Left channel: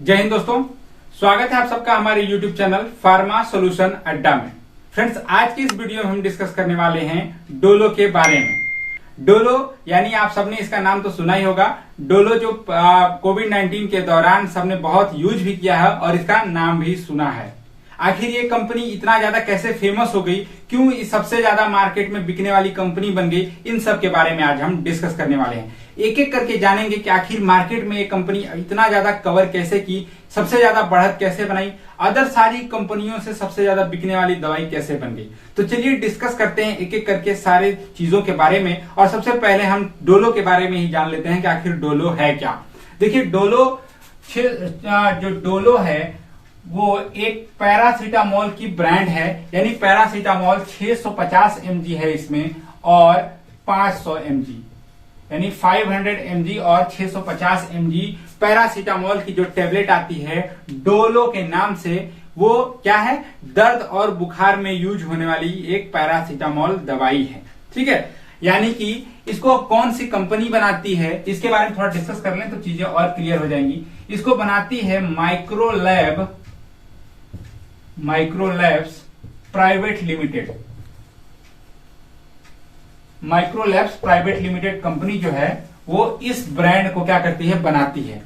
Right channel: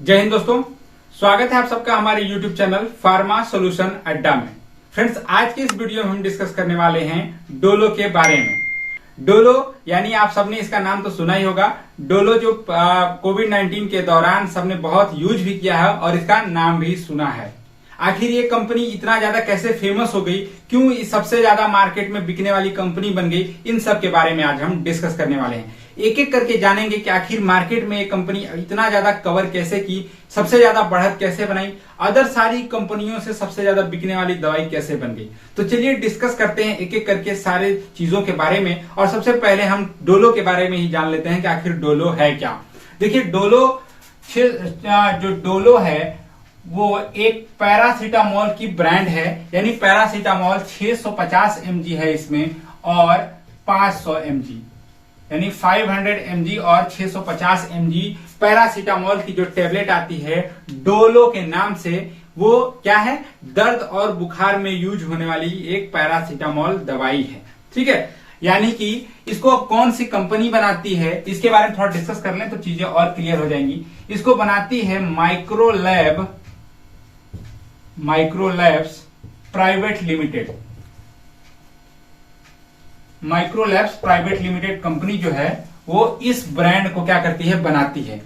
जय हिंद दोस्तों, स्वागत है आप सबका हमारे YouTube चैनल फार्मा सॉल्यूशन अड्डा में। फ्रेंड्स, आज की इस वीडियो में हम डिस्कस करने वाले हैं डोलो के बारे में। डोलो यानी आप सबने इसका नाम तो सुना ही होगा। डोलो जो कोविड-19 के दौरान सबने बहुत यूज भी किया है और इसका नाम भी सुना है। आखिर ये कंपनी इतना ज्यादा कैसे फेमस हो गई, क्यों सबसे ज्यादा मार्केट में बिकने वाली कंपनी बन गई, इन सब के बारे में आज हम डिस्कस करने वाले हैं। एक एक करके जानेंगे कि आखिर मार्केट में ये कंपनी इतना ज्यादा कवर कैसे की, सबसे ज्यादा बढ़त कैसे बनाई, अदर सारी कंपनियों से सबसे ज्यादा बिकने वाली दवाई कैसे बन गई। तो चलिए डिस्कस करते हैं एक एक करके सारे चीजों के बारे में। और सबसे पहले हम डोलो के बारे में ही जान लेते हैं कि आखिर डोलो है क्या। देखिए, जो डोलो है वो एक पैरासीटामोल की ब्रांड है। यानी पैरासीटामोल 650 mg है इसमें और 500 mg, यानी 500 mg और 650 mg पैरासीटामोल की जो टेबलेट आती है डोलो के नाम से, वो क्या है, दर्द और बुखार में यूज होने वाली एक पैरासीटामोल दवाई है। ठीक है, यानी कि इसको कौन सी कंपनी बनाती है इसके बारे में थोड़ा डिस्कस कर लें तो चीजें और क्लियर हो जाएंगी। इसको बनाती है Microlabs private limited. Microlabs private limited company जो है वो इस ब्रांड को क्या करती है, बनाती है।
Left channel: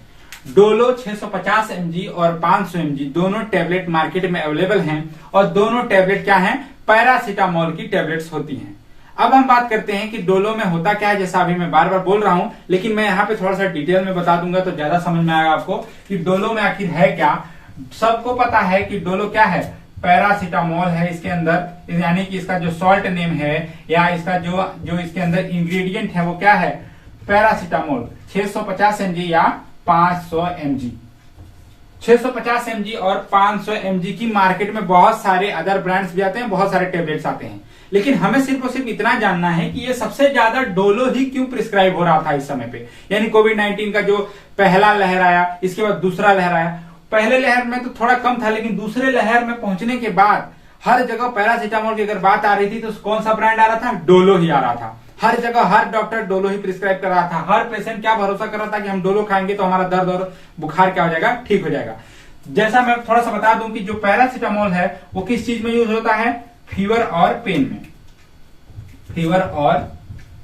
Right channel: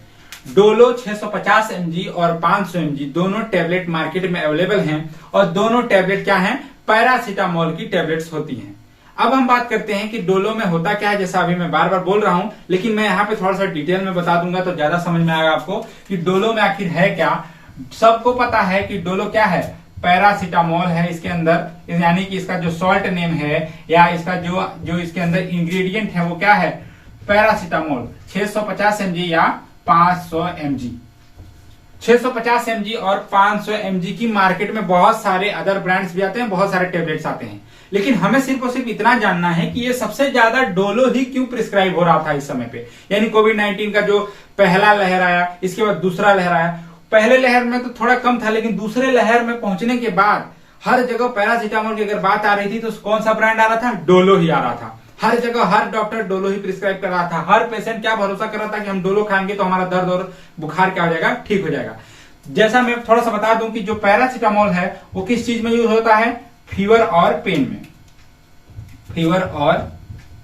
डोलो 650 mg और 500 mg दोनों टेबलेट मार्केट में अवेलेबल हैं और दोनों टेबलेट क्या हैं, पैरासीटामोल की टेबलेट्स होती हैं। अब हम बात करते हैं कि डोलो में होता क्या है। जैसा अभी मैं बार बार बोल रहा हूं, लेकिन मैं यहाँ पे थोड़ा सा डिटेल में बता दूंगा तो ज्यादा समझ में आएगा आपको कि डोलो में आखिर है क्या। सबको पता है कि डोलो क्या है, पैरासीटामोल है इसके अंदर, यानी कि इसका जो सॉल्ट नेम है या इसका जो इसके अंदर इंग्रेडिएंट है वो क्या है, पैरासीटामोल 650 mg या 500 mg। 650 mg और 500 mg की मार्केट में बहुत सारे अदर ब्रांड्स भी आते हैं, बहुत सारे टेबलेट्स आते हैं, लेकिन हमें सिर्फ और सिर्फ इतना जानना है कि ये सबसे ज्यादा डोलो ही क्यों प्रिस्क्राइब हो रहा था इस समय पे। यानी कोविड-19 का जो पहला लहर आया, इसके बाद दूसरा लहर आया। पहले लहर में तो थोड़ा कम था, लेकिन दूसरे लहर में पहुंचने के बाद हर जगह पैरासीटामोल की अगर बात आ रही थी तो कौन सा ब्रांड आ रहा था, डोलो ही आ रहा था। हर जगह हर डॉक्टर डोलो ही प्रिस्क्राइब कर रहा था। हर पेशेंट क्या भरोसा कर रहा था कि हम डोलो खाएंगे तो हमारा दर्द और बुखार क्या हो जाएगा, ठीक हो जाएगा। जैसा मैं थोड़ा सा बता दूं कि जो पैरासीटामोल है वो किस चीज में यूज होता है, फीवर और पेन में। फीवर और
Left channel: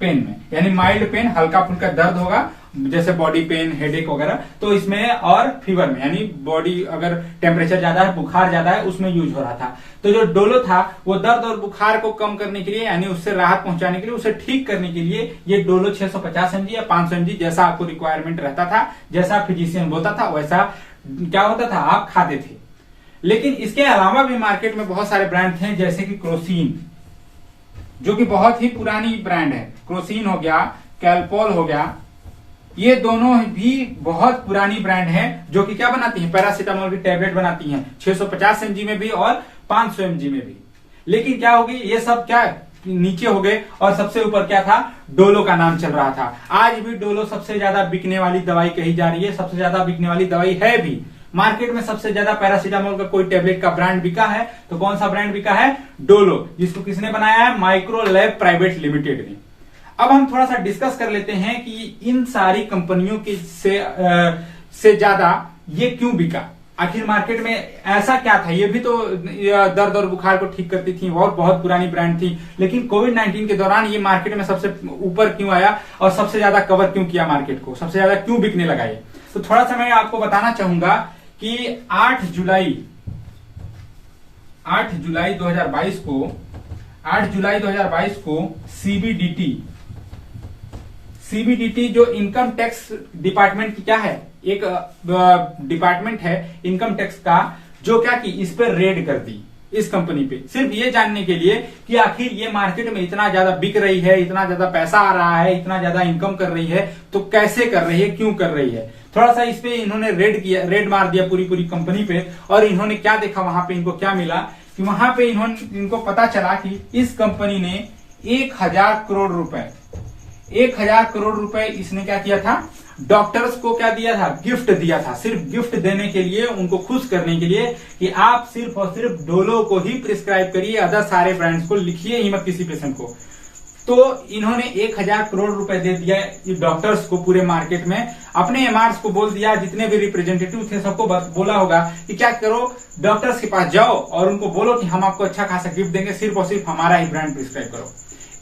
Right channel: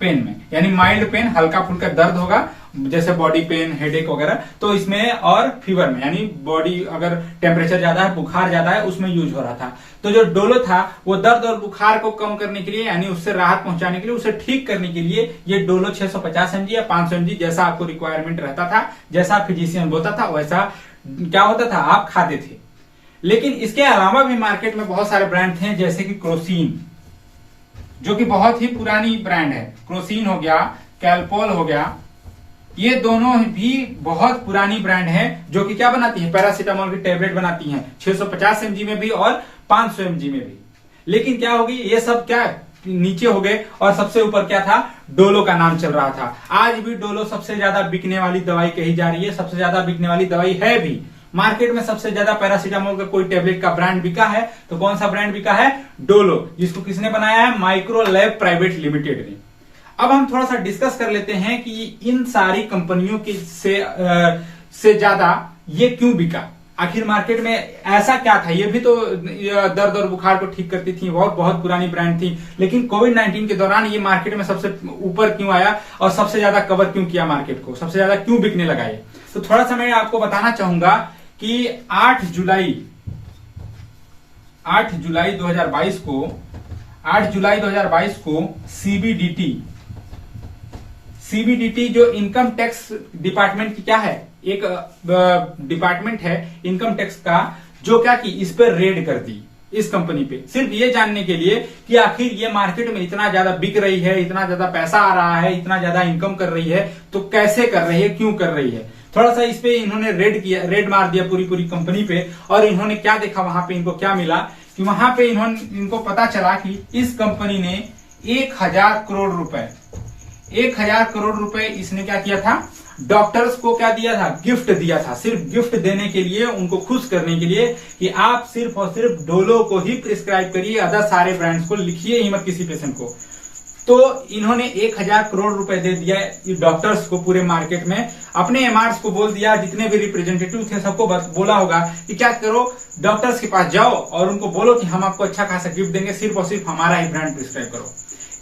पेन में, यानी माइल्ड पेन, हल्का फुल्का दर्द होगा जैसे बॉडी पेन, हेडेक वगैरह, तो इसमें, और फीवर में यानी बॉडी अगर टेम्परेचर ज्यादा है, बुखार ज्यादा है, उसमें यूज हो रहा था। तो जो डोलो था वो दर्द और बुखार को कम करने के लिए, यानी उससे राहत पहुंचाने के लिए, उसे ठीक करने के लिए ये डोलो 650 mg या 500 mg जैसा आपको रिक्वायरमेंट रहता था, जैसा फिजिशियन बोलता था वैसा क्या होता था, आप खाते थे। लेकिन इसके अलावा भी मार्केट में बहुत सारे ब्रांड थे, जैसे कि क्रोसिन, जो कि बहुत ही पुरानी ब्रांड है। क्रोसिन हो गया, कैल्पोल हो गया, ये दोनों भी बहुत पुरानी ब्रांड है जो कि क्या बनाती है, पैरासीटामोल की टेबलेट बनाती हैं, 650 mg में भी और 500 mg में भी। लेकिन क्या होगी, ये सब क्या नीचे हो गए और सबसे ऊपर क्या था, डोलो का नाम चल रहा था। आज भी डोलो सबसे ज्यादा बिकने वाली दवाई कही जा रही है, सबसे ज्यादा बिकने वाली दवाई है भी। मार्केट में सबसे ज्यादा पैरासीटामोल का कोई टेबलेट का ब्रांड बिका है तो कौन सा ब्रांड बिका है, डोलो, जिसको किसने बनाया है, माइक्रोलैब प्राइवेट लिमिटेड ने। अब हम थोड़ा सा डिस्कस कर लेते हैं कि इन सारी कंपनियों की से ज्यादा ये क्यों बिका। आखिर मार्केट में ऐसा क्या था, ये भी तो दर्द और बुखार को ठीक करती थी, बहुत पुरानी ब्रांड थी, लेकिन कोविड-19 के दौरान ये मार्केट में सबसे ऊपर क्यों आया और सबसे ज्यादा कवर क्यों किया मार्केट को, सबसे ज्यादा क्यों बिकने लगा ये। तो थोड़ा सा मैं आपको बताना चाहूंगा कि 8 जुलाई 2022 को सीबीडीटी जो इनकम टैक्स डिपार्टमेंट की क्या है, एक डिपार्टमेंट है इनकम टैक्स का, जो क्या की इस पर रेड कर दी इस कंपनी पे, सिर्फ ये जानने के लिए कि आखिर ये मार्केट में इतना ज्यादा बिक रही है, इतना ज्यादा पैसा आ रहा है, इतना ज्यादा इनकम कर रही है, तो कैसे कर रही है, क्यों कर रही है। थोड़ा सा इस पे इन्होंने रेड मार दिया पूरी कंपनी पे। और इन्होंने क्या देखा, वहां पे इनको क्या मिला कि वहां पे इनको पता चला कि इस कंपनी ने 1000 करोड़ रुपए इसने क्या किया था, डॉक्टर्स को क्या दिया था, गिफ्ट दिया था। सिर्फ गिफ्ट देने के लिए, उनको खुश करने के लिए कि आप सिर्फ और सिर्फ डोलो को ही प्रिस्क्राइब करिए, अदर सारे ब्रांड्स को लिखिए ही मत किसी पेशेंट को। तो इन्होंने 1000 करोड़ रुपए दे दिया डॉक्टर्स को पूरे मार्केट में। अपने एमआरस को बोल दिया, जितने भी रिप्रेजेंटेटिव थे सबको बोला होगा कि क्या करो, डॉक्टर्स के पास जाओ और उनको बोलो कि हम आपको अच्छा खासा गिफ्ट देंगे, सिर्फ और सिर्फ हमारा ही ब्रांड प्रिस्क्राइब करो।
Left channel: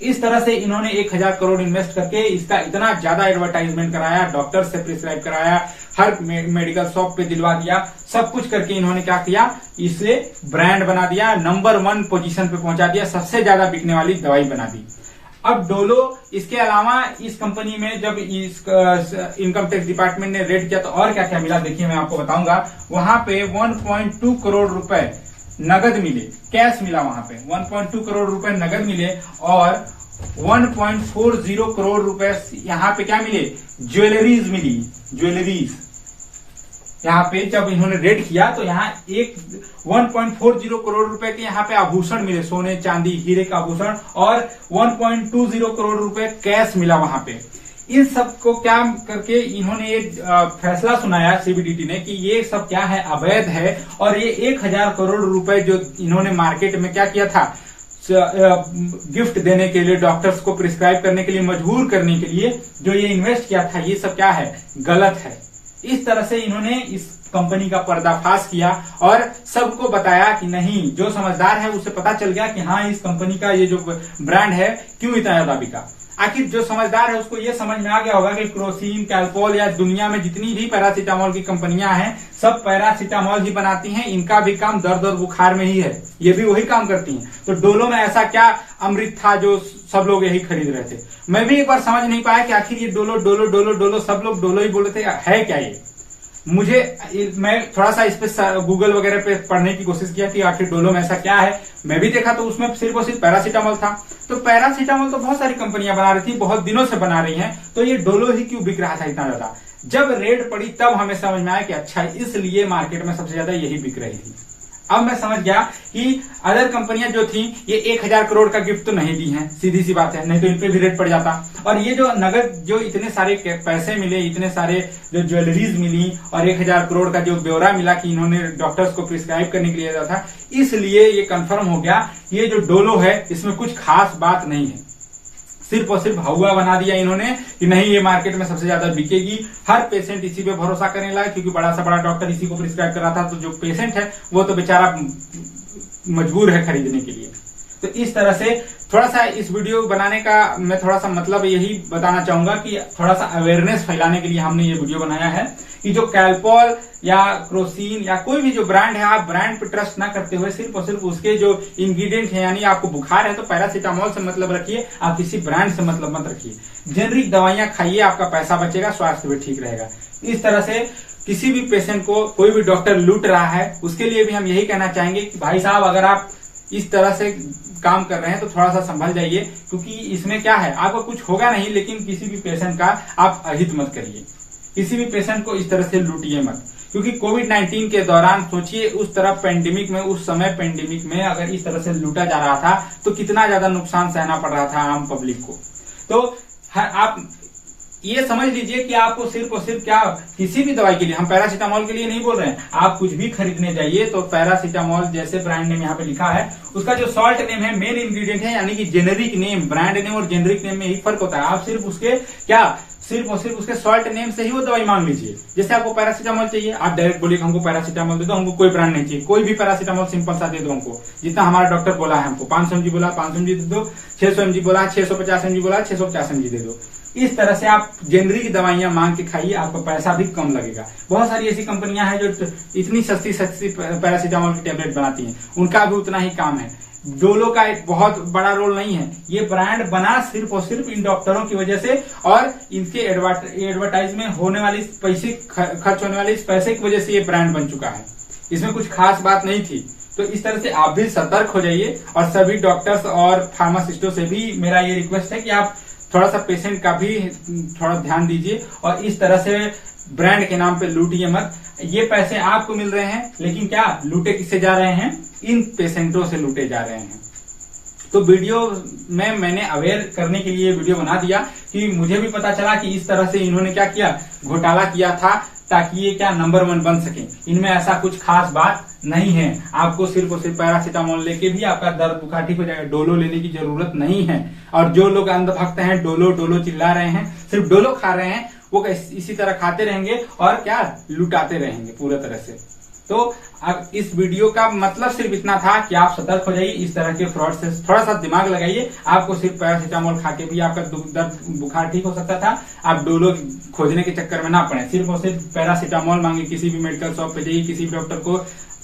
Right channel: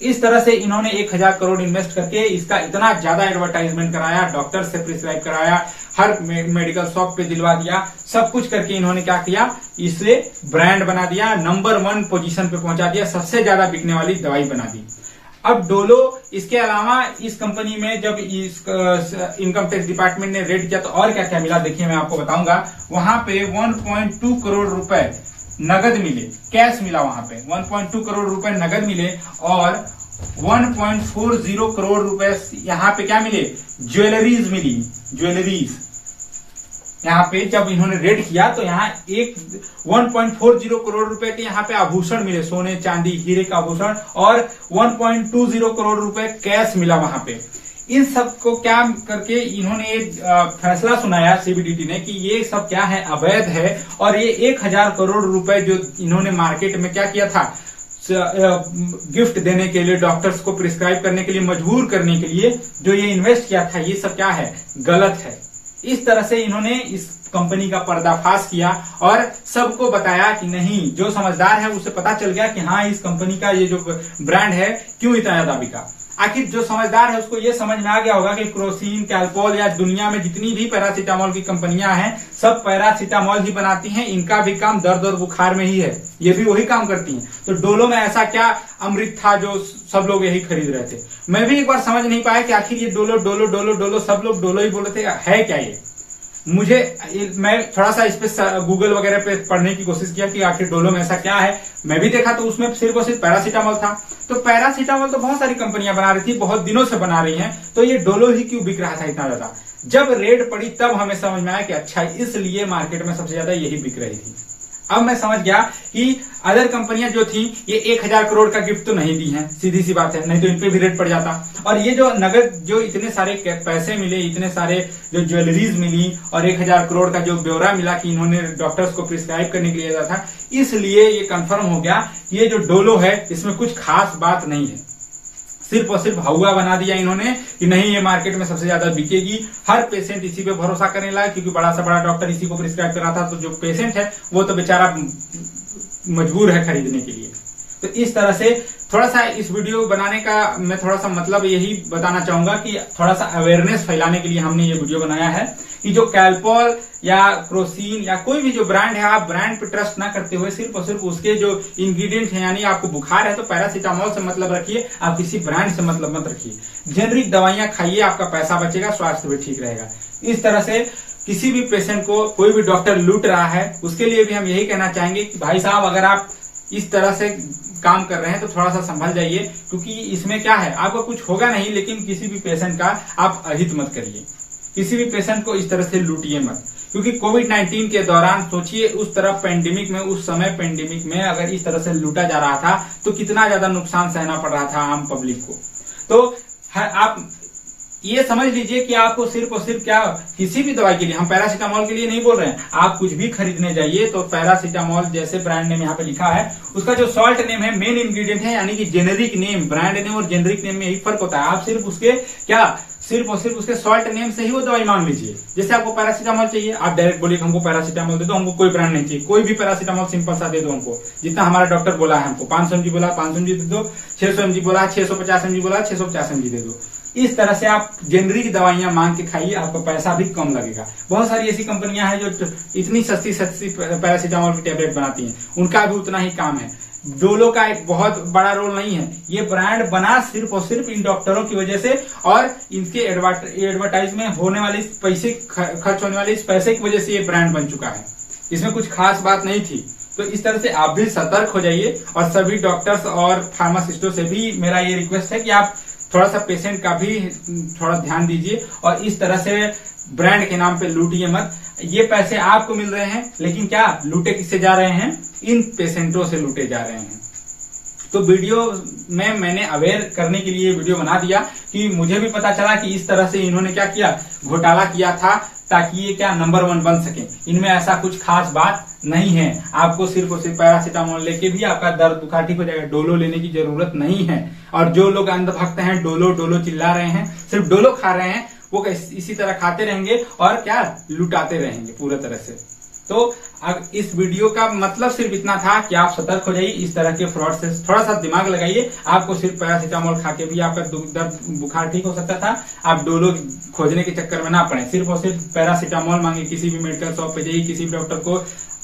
इस तरह से इन्होंने 1000 करोड़ इन्वेस्ट करके इसका इतना ज्यादा एडवर्टाइजमेंट कराया, डॉक्टर से प्रिस्क्राइब कराया, हर मेडिकल शॉप पे दिलवा दिया, सब कुछ करके इन्होंने क्या किया, इसे ब्रांड बना दिया, नंबर 1 पोजीशन पे पहुंचा दिया, सबसे ज्यादा बिकने वाली दवाई बना दी। अब डोलो, इसके अलावा इस कंपनी में जब इस इनकम टैक्स डिपार्टमेंट ने रेड किया तो और क्या क्या मिला, देखिए मैं आपको बताऊंगा। वहां पे 1.2 करोड़ रुपए नगद मिले, कैश मिला वहां पे 1.2 करोड़ रुपए नगद मिले और 1.40 करोड़ रुपए यहाँ पे क्या मिले, ज्वेलरीज मिली, ज्वेलरीज। यहाँ पे जब इन्होंने रेड किया तो यहाँ 1.40 करोड़ रुपए के यहाँ पे आभूषण मिले, सोने चांदी हीरे का आभूषण, और 1.20 करोड़ रुपए कैश मिला वहां पे। इन सब को क्या करके इन्होंने एक फैसला सुनाया सीबीडीटी ने कि ये सब क्या है, अवैध है, और ये 1000 करोड़ रुपए जो इन्होंने मार्केट में क्या किया था, गिफ्ट देने के लिए, डॉक्टर्स को प्रिस्क्राइब करने के लिए, मजबूर करने के लिए जो ये इन्वेस्ट किया था, ये सब क्या है, गलत है। इस तरह से इन्होंने इस कंपनी का पर्दाफाश किया और सबको बताया कि नहीं, जो समझदार है उसे पता चल गया कि हाँ, इस कंपनी का ये जो ब्रांड है क्यों इतना ज्यादा बिका। आखिर जो समझदार है उसको ये समझ में आ गया होगा कि क्रोसिन, कैल्पोल या दुनिया में जितनी भी पैरासीटामोल की कंपनियां हैं, सब पैरासीटामोल ही बनाती हैं, इनका भी काम दर्द और बुखार में ही है, ये भी वही काम करती हैं। तो डोलो में ऐसा क्या अमृत था जो सब लोग यही खरीद रहे थे। मैं भी एक बार समझ नहीं पाया कि आखिर ये डोलो डोलो डोलो डोलो, सब लोग डोलो ही बोल रहे थे, है क्या ये। मैं थोड़ा सा इस पे गूगल वगैरह पे पढ़ने की कोशिश किया कि आखिर डोलो में ऐसा क्या है। मैं भी देखा तो उसमें सिर्फ और सिर्फ पैरासीटामोल था। तो पैरासीटामोल तो बहुत सारी कंपनियां बना रही थी, बहुत दिनों से बना रही हैं, तो ये डोलो ही क्यों बिक रहा था इतना ज्यादा। जब रेड पड़ी तब हमें समझ में आया कि अच्छा, इसलिए मार्केट में सबसे ज्यादा यही बिक रही थी। अब मैं समझ गया कि अदर कंपनियां जो थी ये 1000 करोड़ का गिफ्ट तो नहीं दी हैं, सीधी सी बात है, नहीं तो इन पे भी रेट पड़ जाता। और ये जो नगद, जो इतने सारे पैसे मिले, इतने सारे जो ज्वेलरीज मिली और 1000 करोड़ का जो ब्यौरा मिला कि इन्होंने डॉक्टर्स को प्रिस्क्राइब करने के लिए दिया था, इसलिए ये कंफर्म हो गया ये जो डोलो है इसमें कुछ खास बात नहीं है। सिर्फ और सिर्फ हवा बना दिया इन्होंने कि नहीं, ये मार्केट में सबसे ज्यादा बिकेगी, हर पेशेंट इसी पे भरोसा करने लगा, क्योंकि बड़ा सा बड़ा डॉक्टर इसी को प्रिस्क्राइब कर रहा था। तो जो पेशेंट है वो तो बेचारा मजबूर है खरीदने के लिए। तो इस तरह से थोड़ा सा इस वीडियो बनाने का मैं थोड़ा सा मतलब यही बताना चाहूंगा कि थोड़ा सा अवेयरनेस फैलाने के लिए हमने ये वीडियो बनाया है कि जो कैल्पोल या क्रोसिन या कोई भी जो ब्रांड है, आप ब्रांड पे ट्रस्ट ना करते हुए सिर्फ और सिर्फ उसके जो इंग्रेडिएंट है, यानी आपको बुखार है तो पैरासीटामोल से मतलब रखिए, आप किसी ब्रांड से मतलब मत रखिए। जेनरिक दवाइयां खाइए, आपका पैसा बचेगा, स्वास्थ्य भी ठीक रहेगा। इस तरह से किसी भी पेशेंट को कोई भी डॉक्टर लूट रहा है, उसके लिए भी हम यही कहना चाहेंगे कि भाई साहब, अगर आप इस तरह से काम कर रहे हैं तो थोड़ा सा संभल जाइए, क्योंकि इसमें क्या है, आपको कुछ होगा नहीं, लेकिन किसी भी पेशेंट का आप अहित मत करिए, किसी भी पेशेंट को इस तरह से लूटिए मत। क्योंकि कोविड-19 के दौरान सोचिए, उस तरह पेंडेमिक में, उस समय पेंडेमिक में अगर इस तरह से लूटा जा रहा था तो कितना ज्यादा नुकसान सहना पड़ रहा था आम पब्लिक को। तो आप ये समझ लीजिए कि आपको सिर्फ और सिर्फ क्या, किसी भी दवाई के लिए, हम पैरासीटामोल के लिए नहीं बोल रहे हैं, आप कुछ भी खरीदने जाइए तो पैरासीटामोल जैसे ब्रांड नेम यहाँ पे लिखा है, उसका जो सॉल्ट नेम है, मेन इंग्रेडिएंट है, यानी कि जेनेरिक नेम, ब्रांड नेम और जेनेरिक नेम में यही फर्क होता है। आप सिर्फ उसके क्या, सिर्फ और सिर्फ उसके सॉल्ट नेम से ही वो दवाई मांग लीजिए। जैसे आपको पैरासीटामोल चाहिए, आप डायरेक्ट बोलिए हमको पैरासीटामोल दे दो, हमको कोई ब्रांड नहीं चाहिए, कोई भी पैरासीटामोल सिंपल सा दे दो हमको, जितना हमारा डॉक्टर बोला है। हमको 500 mg बोला 500 mg दे दो, 600 mg बोला 650 mg बोला 650 mg दे दो। इस तरह से आप जेनरिक दवाइयां मांग के खाइए, आपका पैसा भी कम लगेगा। बहुत सारी ऐसी कंपनियां हैं जो इतनी सस्ती सस्ती पैरासीटामोल की टेबलेट बनाती हैं, उनका भी उतना ही काम है। डोलो का एक बहुत बड़ा रोल नहीं है, ये ब्रांड बना सिर्फ और सिर्फ इन डॉक्टरों की वजह से और इनके एडवर्टाइज में होने वाली पैसे, खर्च होने वाले इस पैसे की वजह से ये ब्रांड बन चुका है। इसमें कुछ खास बात नहीं थी। तो इस तरह से आप भी सतर्क हो जाइए, और सभी डॉक्टर्स और फार्मासिस्टों से भी मेरा ये रिक्वेस्ट है कि आप थोड़ा सा पेशेंट का भी थोड़ा ध्यान दीजिए, और इस तरह से ब्रांड के नाम पे लूटिए मत। ये पैसे आपको मिल रहे हैं, लेकिन क्या लूटे किससे जा रहे हैं, इन पेशेंटों से लूटे जा रहे हैं। तो वीडियो में मैंने अवेयर करने के लिए वीडियो बना दिया कि मुझे भी पता चला कि इस तरह से इन्होंने क्या किया, घोटाला किया था ताकि ये क्या नंबर 1 बन सके। इनमें ऐसा कुछ खास बात नहीं है। आपको सिर्फ और सिर्फ पैरासीटामोल लेके भी आपका दर्द बुखार ठीक हो जाएगा। डोलो लेने की जरूरत नहीं है। और जो लोग अंधभक्त हैं, डोलो डोलो चिल्ला रहे हैं, सिर्फ डोलो खा रहे हैं, वो इसी तरह खाते रहेंगे और क्या लुटाते रहेंगे पूरे तरह से। तो अब इस वीडियो का मतलब सिर्फ इतना था कि आप सतर्क हो जाइए, इस तरह के फ्रॉड से थोड़ा सा दिमाग लगाइए। आपको सिर्फ पैरासीटामोल खा के भी आपका दर्द बुखार ठीक हो सकता था। आप डोलो खोजने के चक्कर में ना पड़े। सिर्फ और सिर्फ पैरासीटामोल मांगे, किसी भी मेडिकल शॉप पे जाइए, किसी भी डॉक्टर को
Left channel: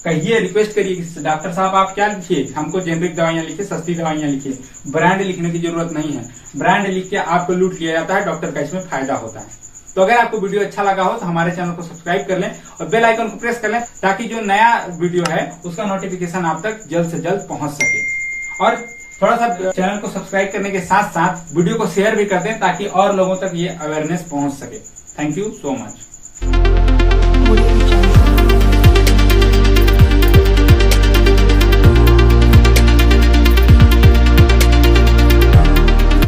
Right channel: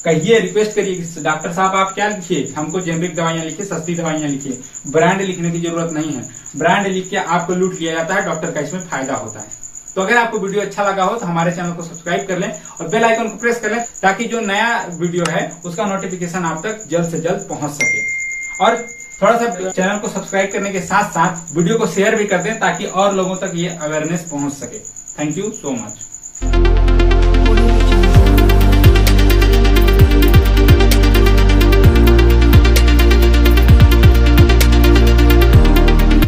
कहिए, रिक्वेस्ट करिए, डॉक्टर साहब आप क्या लिखिए, हमको जेनरिक दवाइयां लिखिए, सस्ती दवाइयां लिखिए, ब्रांड लिखने की जरूरत नहीं है। ब्रांड लिख के आपको लूट लिया जाता है, डॉक्टर का इसमें फायदा होता है। तो अगर आपको वीडियो अच्छा लगा हो तो हमारे चैनल को सब्सक्राइब कर लें और बेल आइकन को प्रेस कर लें, ताकि जो नया वीडियो है उसका नोटिफिकेशन आप तक जल्द से जल्द पहुंच सके। और थोड़ा सा चैनल को सब्सक्राइब करने के साथ साथ वीडियो को शेयर भी कर दें, ताकि और लोगों तक ये अवेयरनेस पहुंच सके। Thank you so much.